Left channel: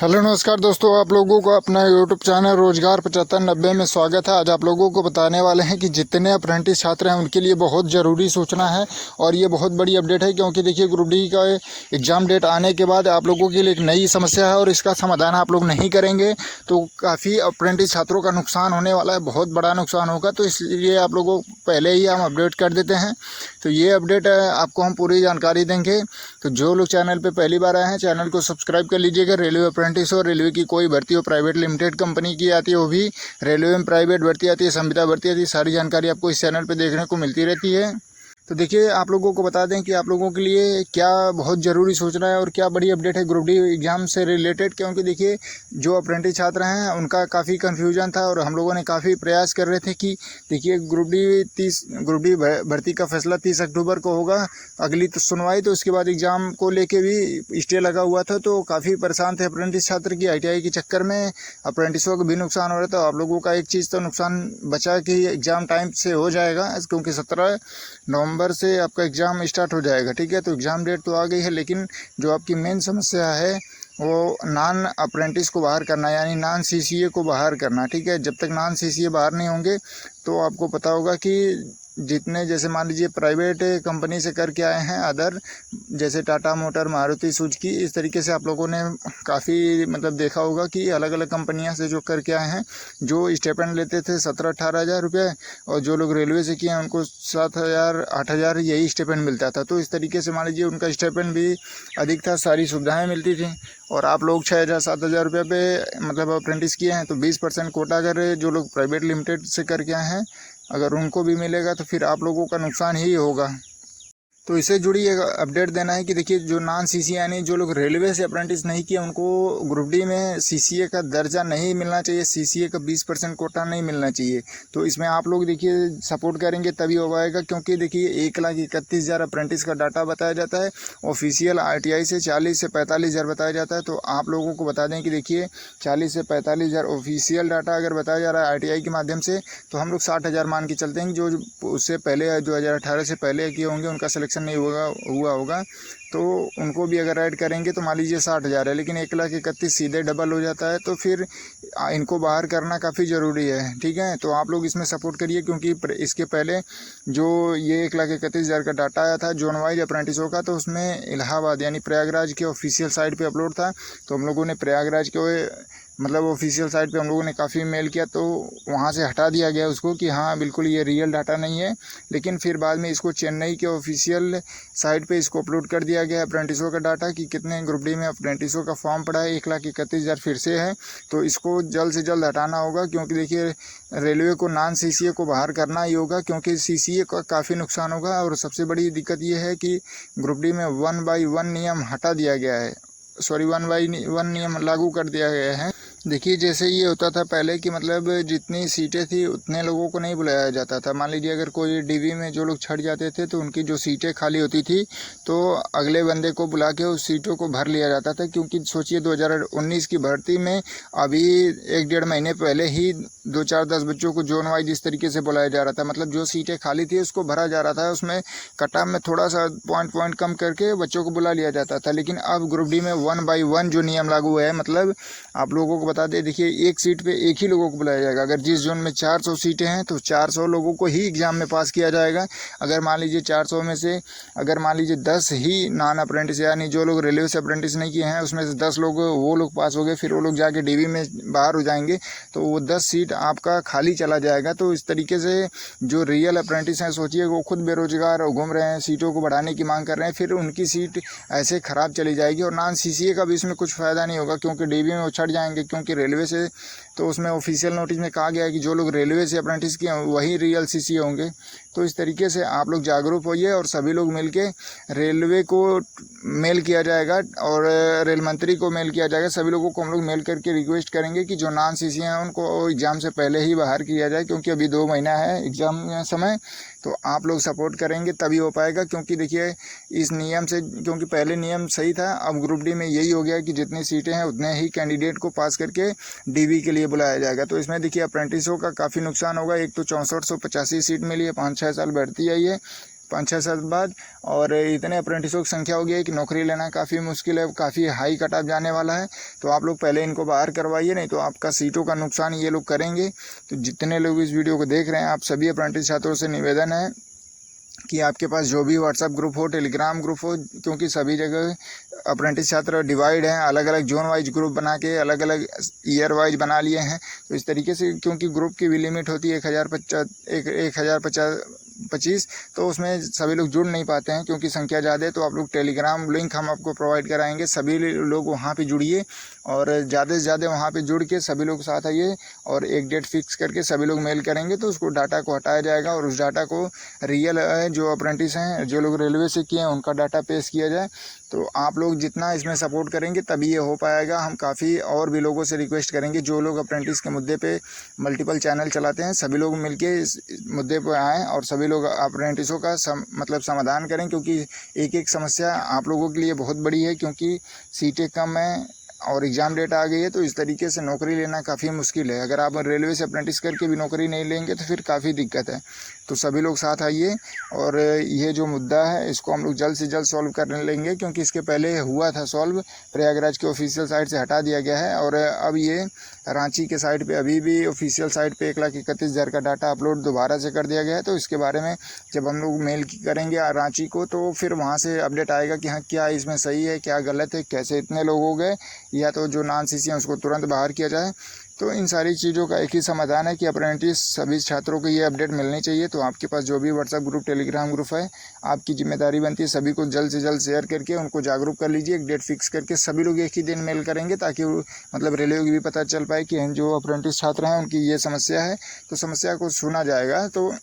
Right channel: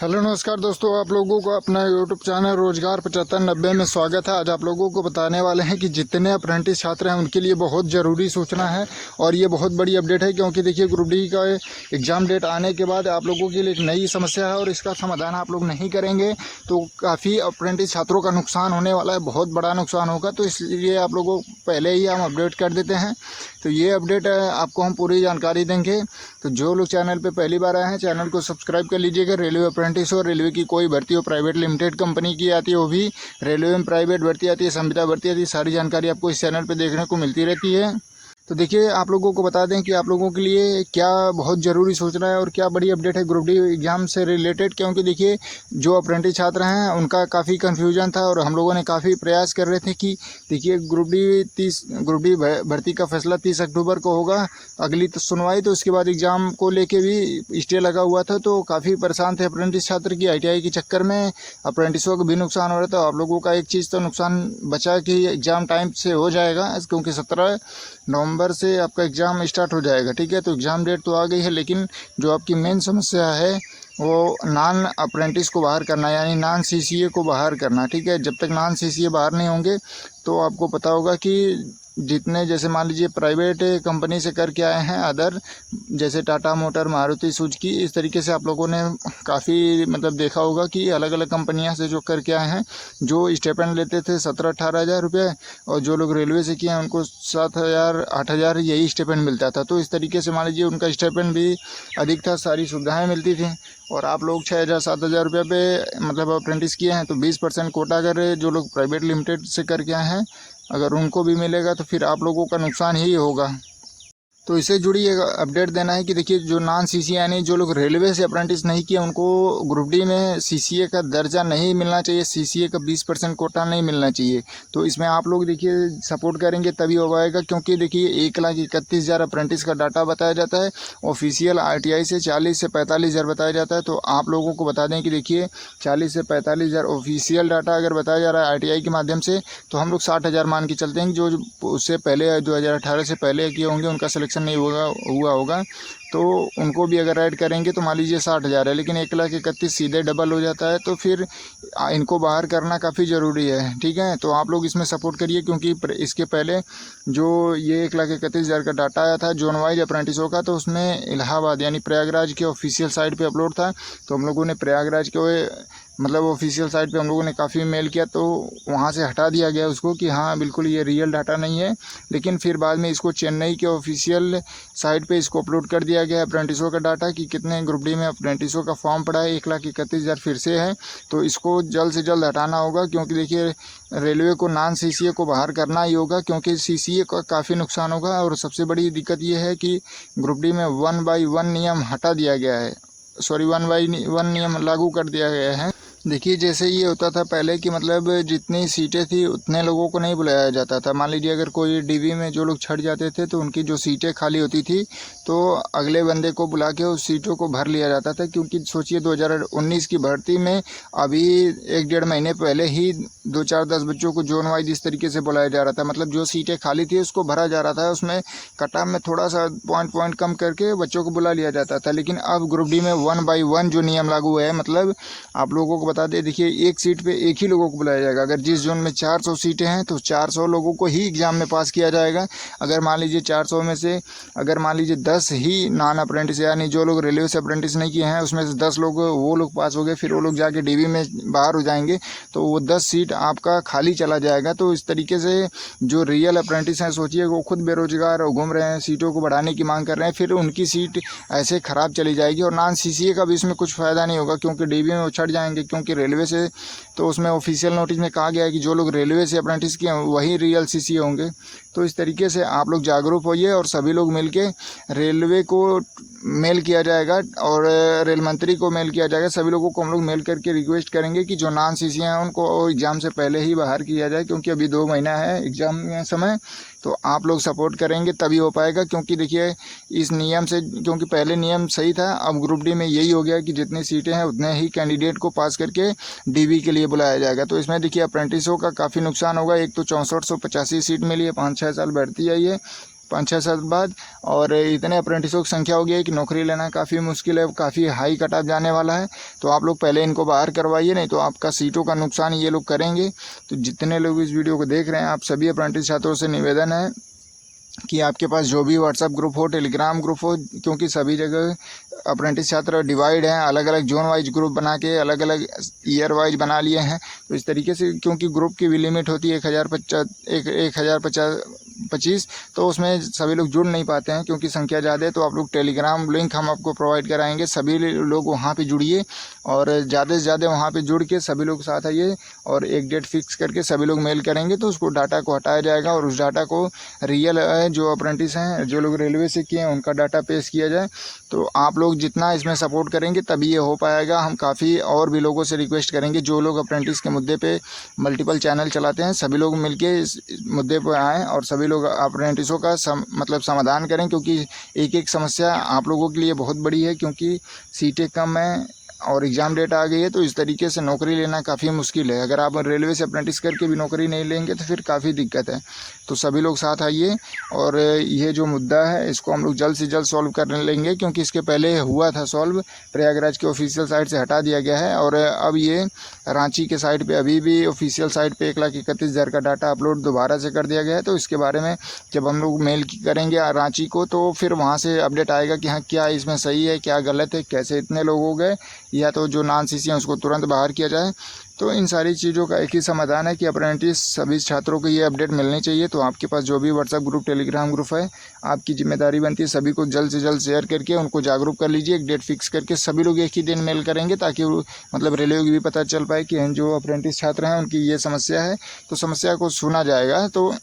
Hello नमस्कार दोस्तों, आप लोगों को अपना यूट्यूब चैनल रोजगार 7590 में स्वागत है। आज आप लोगों को बताने वाले हैं कि जितने अप्रेंटिस छात्र हैं उनके लिए बहुत ज़रूरी सूचना है और ये बहुत बड़ी अपडेट है, क्योंकि देखिए ग्रुप डी का एग्ज़ाम डेट आने के बाद आप लोगों के लिए एक नई समस्या है और इसका समाधान आप लोग नहीं करेंगे तो काफ़ी अप्रेंटिस छात्रों का नुकसान होने वाला है, बहुत बड़ा नुकसान होगा। तो इसलिए आप लोगों को पहले ही हम अपडेट कर देते हैं। तो ये अपडेट आपको हम पूरी जानकारी देंगे। तो जो लोग चैनल पे पहली बार आए हैं चैनल को सब्सक्राइब कर लीजिएगा। रेलवे अप्रेंटिस हो, रेलवे की कोई भर्ती हो, प्राइवेट लिमिटेड कंपनी की आती है वो भी, रेलवे में प्राइवेट भर्ती आती है, संविदा भर्ती आती है, सारी जानकारी आपको इस चैनल पे देखने को मिलती रहती है। तो देखिए आप लोगों को बता दें कि आप लोगों के लिए क्या बहुत ज़रूरी सूचना है और क्या बड़ी अपडेट है ग्रुप डी एग्ज़ाम से रिलेटेड। क्योंकि देखिए जो अप्रेंटिस छात्र हैं उनका काफ़ी कन्फ्यूजन था और हम लोगों ने काफ़ी प्रयास कर रहे थे कि देखिए ग्रुप डी भर्ती का फैसला 30 अक्टूबर को होगा, अगली तो सुनवाई, तो उसके बाद एग्ज़ाम को लेके भी स्टे लगा हुआ था। तो काफ़ी परेशान थे अप्रेंटिस छात्र की, ITI के चक्कर में अप्रेंटिसों को भी नुकसान हो रहा था। आप लोगों का एक चीज़ तो नुकसान बचा कि एग्ज़ाम टाइम से हो जाएगा, क्योंकि 17 नवंबर से आपका एग्ज़ाम स्टार्ट हो जाएगा। ठीक है, तो एग्ज़ाम डेट तो आ गई है, लेकिन जो आपकी मेन समस्या है वो नॉन अप्रेंटिस को बाहर करना, यानी नॉन CCA को बाहर करना। ठीक है, जब तक नॉन CCA बाहर नहीं होंगे तो आपको पता होगा कि जितने, जैसे मान लीजिए प्राइवेट कंपनी से करके आए हैं अदर, जैसे टाटा मोटर, मारुति सुजुकी, इस तरीके से आप लोगों ने काफ़ी मतलब देखा होगा कि अलग अलग कंपनियां से जो करके आए हैं, जो स्टेपेंड लेते थे 17-18 हज़ार रुपये, और जो लोग रेलवे से किए हैं उनको 7,000 8,000 यही स्टेपेंड मिलता था। तो इस तरीके से मान लीजिए उनका स्टेपेंड भी अधिक था, सारी सुविधाएँ मिलती थी, और आप लोग 6,000 7,000 रुपये पे मतलब अप्रेंटिस किए हैं। तो 20% कोटा अगर जो लोग प्राइवेट लिमिटेड से करके आए हैं अगर उनको भी मिलेगा तो फिर आप लोगों का नुकसान ही होगा। तो इससे जुड़ी एक अपडेट देना है कि देखिए जो नॉन CCA यानी जो लोग रेलवे से अप्रेंटिस नहीं किए उनको ग्रुप डी में CCA का दर्जा नहीं मिलना चाहिए, CCA का 20% कोटा नहीं मिलना चाहिए। तो इसमें आप लोग देखिए सपोर्ट करेंगे तभी हो पाएगा, क्योंकि देखिए 1,31,000 अप्रेंटिस का डाटा बताया जाता है, ऑफिशियल RTI से 40 से 45,000 बताया जाता है। तो आप लोगों को बता दें कि देखिए 40 से 45,000 ऑफिशियल डाटा अगर बताया जा रहा है RTI के माध्यम से, तो हम लोग 60,000 मान के चलते हैं। जो उससे पहले 2018 से पहले किए होंगे उनका सिलेक्शन नहीं हुआ होगा तो उनको भी अगर ऐड करेंगे तो मान लीजिए 60,000 है, लेकिन 1,31,000 सीधे डबल हो जाता है। तो फिर इनको बाहर करना काफ़ी ज़रूरी है। ठीक है, तो आप लोग इसमें सपोर्ट करिए, क्योंकि इसके पहले जो ये 1,31,000 का डाटा आया था जोन वाइज अप्रेंटिसों का, तो उसमें इलाहाबाद यानी प्रयागराज के ऑफिशियल साइट पे अपलोड था। तो हम लोगों ने प्रयागराज के मतलब ऑफिशियल साइट पे हम लोगों ने काफ़ी मेल किया, तो वहाँ से हटा दिया गया उसको कि हाँ बिल्कुल ये रियल डाटा नहीं है। लेकिन फिर बाद में इसको चेन्नई के ऑफिशियल साइट पे इसको अपलोड कर दिया गया अप्रेंटिसों का डाटा कि कितने ग्रुप डी में अप्रेंटिसों का फॉर्म पड़ा है, 1,31,000 फिर से है। तो इसको जल्द से जल्द हटाना होगा, क्योंकि देखिए रेलवे को नॉन CCA को बाहर करना ही होगा, क्योंकि CCA का काफ़ी नुकसान होगा। और सबसे बड़ी दिक्कत ये है कि ग्रुप डी में 1/1 नियम हटा दिया गया है, सॉरी 1/1 नियम लागू कर दिया गया है। देखिए जैसे ये होता था पहले कि मतलब जितनी सीटें थी उतने लोगों को नहीं बुलाया जाता था। मान लीजिए अगर कोई DV में जो लोग छट जाते थे तो उनकी जो सीटें खाली होती थी तो अगले बंदे को बुला के उस सीटों को भर लिया जाता था। क्योंकि सोचिए 2019 की भर्ती में अभी 1-1.5 महीने पहले ही 2-4-10 बच्चों को जोन वाइज इस तरीके से बुलाया जा रहा था। मतलब जो सीटें खाली थी उसको भरा जा रहा था, उसमें कट ऑफ में थोड़ा सा पॉइंट कम करके बच्चों को बुला लिया जाता था। लेकिन अब ग्रुप डी में 1/1 जो नियम लागू है, मतलब आप लोगों को बता दें, देखिए एक सीट पे एक ही लोगों को बुलाया जाएगा। अगर जिस जोन में 400 सीटें हैं तो 400 लोगों को ही एग्जाम में पास किया जाएगा। अगर मान लीजिए 400 में से अगर मान लीजिए 10 ही नॉन अप्रेंटिस यानी जो लोग रेलवे से अप्रेंटिस नहीं किए हैं उसमें से 10 लोग वो लोग पास हो गए, फिर वो लोग जाके DV में बाहर हो जाएंगे, तो वो 10 सीट आपका खाली चला जाएगा। तो इस तरीके से जो रियल अप्रेंटिस हैं, सोचिए वो खुद बेरोजगार और घूम रहे हैं, सीटों को बढ़ाने की मांग कर रहे हैं, फिर उनकी सीट ऐसे ख़राब चली जाएगी। और नॉन CCA का भी इसमें कुछ फ़ायदा नहीं होगा, क्योंकि DV में वो छट जाएंगे। क्योंकि रेलवे से तो उसमें ऑफिशियल नोटिस में कहा गया है कि जो लोग रेलवे से अप्रेंटिस किए हैं वही रियल CCA होंगे। तो इस तरीके से आप लोग जागरूक होइए और सभी लोग मिलके रेलवे को मेल किया जाएगा और रेल मंत्री को मेल किया जाएगा। सभी लोगों को हम लोग मेल करके रिक्वेस्ट करेंगे कि जो नॉन CCA हैं उनको एग्ज़ाम से पहले ही बाहर किया जाए, क्योंकि अभी 2 महीना है एग्ज़ाम में समय। तो आप लोग सपोर्ट करेंगे तभी हो पाएगा, क्योंकि देखिए इस नियम से, क्योंकि पहले नियम सही था, अब ग्रुप डी में यही हो गया कि जितनी सीटें हैं उतने ही कैंडिडेट को पास करके DV के लिए बुलाया जाएगा। तो इसमें देखिए अप्रेंटिसों का काफ़ी नुकसान होगा। एक तो 6485 सीट मिली है, 5-6 साल बढ़ती है ये, 5-6 साल बाद। और इतने अप्रेंटिसों की संख्या हो गई है कि नौकरी लेना काफ़ी मुश्किल है, काफ़ी हाई कट ऑफ जाने वाला है। तो आप लोग पहले इनको बाहर करवाइए, नहीं तो आपका सीटों का नुकसान ये लोग करेंगे। तो जितने लोग इस वीडियो को देख रहे हैं, आप सभी अप्रेंटिस छात्रों से निवेदन है कि आपके पास जो भी व्हाट्सएप ग्रुप हो, टेलीग्राम ग्रुप हो, क्योंकि सभी जगह अप्रेंटिस छात्र डिवाइड हैं, अलग अलग जोन वाइज ग्रुप बना के अलग अलग ईयर वाइज बना लिए हैं। तो इस तरीके से, क्योंकि ग्रुप की भी लिमिट होती है 1025, तो उसमें सभी लोग जुड़ नहीं पाते हैं क्योंकि संख्या ज़्यादा है। तो आप लोग टेलीग्राम लिंक हम आपको प्रोवाइड कराएंगे, सभी लोग वहाँ पे जुड़िए और ज़्यादा से ज़्यादा वहाँ पे जुड़ के सभी लोग साथ आइए और एक डेट फिक्स करके सभी लोग मेल करेंगे। तो उसको डाटा को हटाया जाएगा और उस डाटा को रियल जो अप्रेंटिस हैं, जो लोग रेलवे से किए हैं, उनका डाटा पेश किया जाए। तो आप लोग जितना इसमें सपोर्ट करेंगे तभी ये हो पाएगा। हम काफ़ी और भी लोगों से रिक्वेस्ट करेंगे, जो लोग अप्रेंटिस के मुद्दे पे मल्टीपल चैनल चलाते हैं, सभी लोग मिलके इस मुद्दे पर आएँ और सभी लोग अप्रेंटिसों का मतलब समाधान करें, क्योंकि एक एक समस्या आप लोगों के लिए बहुत बड़ी है, क्योंकि सीटें कम हैं और एग्ज़ाम डेट आ गई है। तो इस तरीके से नौकरी लेना काफ़ी मुश्किल है। अगर आप रेलवे से अप्रेंटिस करके भी नौकरी नहीं लेंगे तो फिर काफ़ी दिक्कत है। तो सभी लोग साथ आइए और ये जो मुद्दा है इसको हम लोग जल्द से जल्द सॉल्व कर लेंगे, क्योंकि इसके पहले हुआ था सॉल्व, प्रयागराज के ऑफिशियल साइट से हटा दिया गया है और अब ये रांची के साइट पे अभी भी ऑफिशियल साइट पे 1,31,000 का डाटा अपलोड दोबारा से कर दिया गया है। तो इसके बारे में जब हम लोग मेल करेंगे रांची को, तो फिर वहाँ से अपडेट आएगा कि हाँ क्या इसमें सही है, क्या गलत है, कैसे इतने लोग हो गए, या तो जो नॉन सीसी हैं उसको तुरंत बाहर किया जाए। तो इन सारी चीज़ों का एक ही समाधान है कि अप्रेंटिस सभी छात्रों को ये अपडेट मिलनी चाहिए। तो आपके पास जो भी व्हाट्सएप ग्रुप, टेलीग्राम ग्रुप है, आपकी जिम्मेदारी बनती है सभी को जल्द से जल्द शेयर करके उनको जागरूक कर लीजिए। एक डेट फिक्स करके सभी लोग एक ही दिन मेल करेंगे, ताकि मतलब रेलवे को भी पता चल पाए कि जो अप्रेंटिस छात्र हैं उनकी ये समस्या है। तो समस्या को सुना जाएगा, तो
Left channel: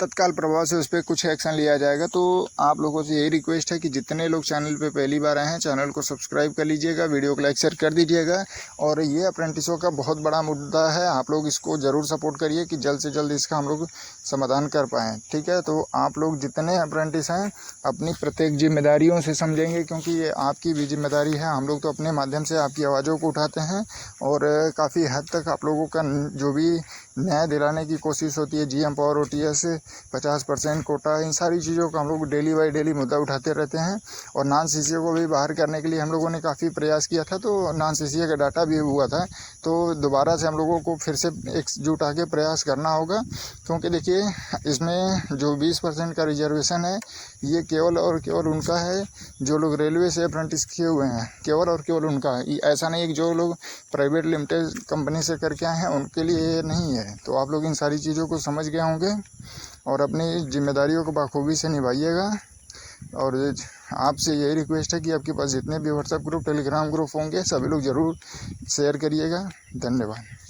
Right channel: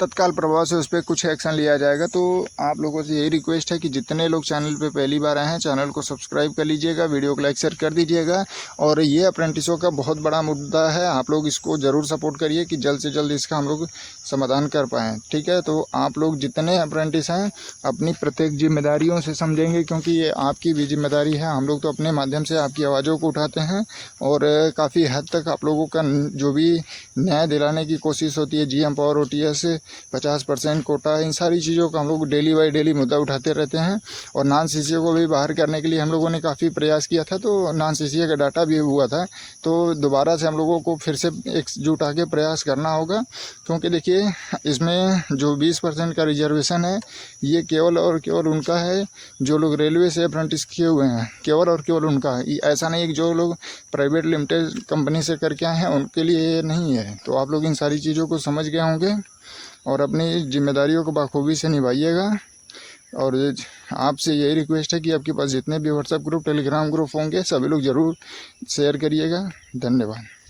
तत्काल प्रभाव से उस पर कुछ एक्शन लिया जाएगा। तो आप लोगों से यही रिक्वेस्ट है कि जितने लोग चैनल पे पहली बार आए हैं, चैनल को सब्सक्राइब कर लीजिएगा, वीडियो को लाइक शेयर कर दीजिएगा। और ये अप्रेंटिसों का बहुत बड़ा मुद्दा है, आप लोग इसको ज़रूर सपोर्ट करिए कि जल्द से जल्द इसका हम लोग समाधान कर पाएँ। ठीक है, तो आप लोग जितने अप्रेंटिस हैं अपनी प्रत्येक जिम्मेदारियों से समझेंगे, क्योंकि ये आपकी भी जिम्मेदारी है। हम लोग तो अपने माध्यम से आपकी आवाज़ों को उठाते हैं और काफ़ी हद तक आप लोगों का जो भी न्याय दिलाने की कोशिश होती है, GM पावर OTS 50% कोटा, इन सारी चीज़ों का हम लोग डेली बाई डेली मुद्दा उठाते रहते हैं। और नॉन CCA को भी बाहर करने के लिए हम लोगों ने काफ़ी प्रयास किया था, तो नॉन CCA का डाटा भी हुआ था। तो दोबारा से हम लोगों को फिर से एकजुट आके प्रयास करना होगा, क्योंकि देखिए इसमें जो 20% का रिजर्वेशन है ये केवल और केवल उनका है जो लोग रेलवे से अप्रेंटिस किए हुए हैं, केवल और केवल उनका है। ऐसा नहीं कि जो लोग प्राइवेट लिमिटेड कंपनी से करके आए हैं उनके लिए नहीं है। तो आप लोग इन सारी चीज़ों को समझ गए होंगे और अपनी जिम्मेदारियों को बाखूबी से निभाइएगा। और आपसे यही रिक्वेस्ट है कि आपके पास जितने भी व्हाट्सएप ग्रुप, टेलीग्राम ग्रुप होंगे सभी लोग ज़रूर शेयर करिएगा। धन्यवाद।